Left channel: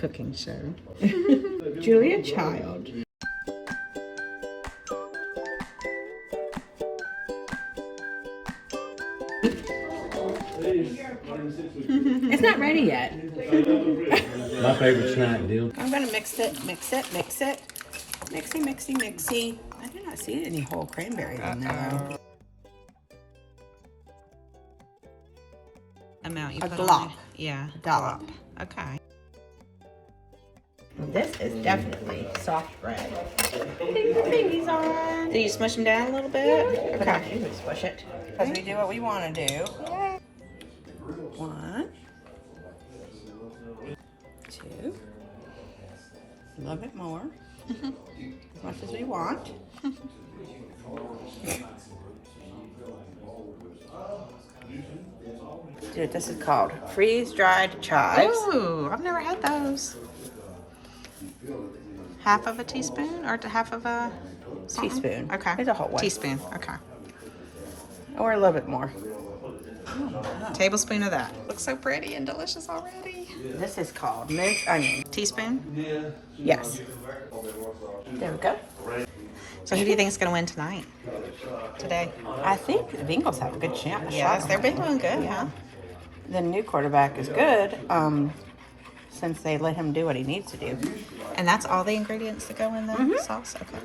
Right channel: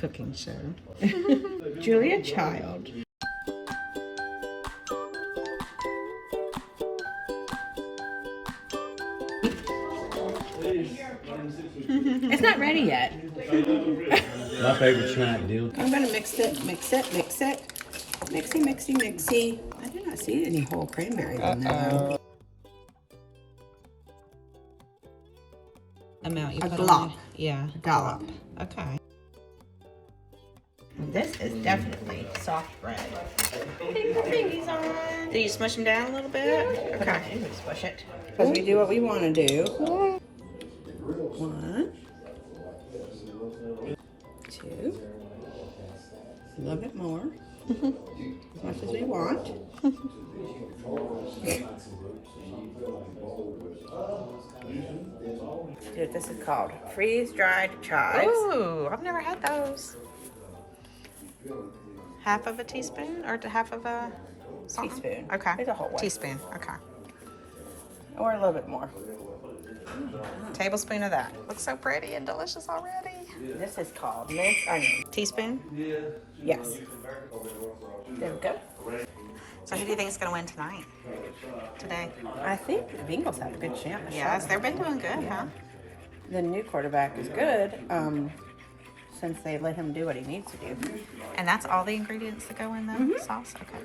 cooking show. Julia Child. It's not ready yet. My favorite snack deal. I'm gonna mix it, mix it, mix it. Mixy, mixy, mixy. I did not see any whole cranberries in there though. Amount you A put glop. on it. Yeah. A dollop. Okay. This is definitely soft bread. Thingies on. Do you smush them down a little bit? Okay, you can squish it. Because we do what we want to do. 1, 2, a little bit more, as much as we want. Dude, this is called freeze-dried chives. Ooh, I've never had those. Half of a teaspoon or half of a something? Teaspoon. Okay. It's a whole one. Teaspoon. Okay. Or a little bit more. Tablespoon of that. Looks so pretty and delicious already. This is called minced onion. Teaspoon. Yes. There we go. So who do you think is going to win tonight? Today? I think the Bengals have a good chance. Yes, they've been doing good, huh? The new quarterback is good, since they let him do what he needs to do. And that's all the ingredients that go in the sauce? Okay.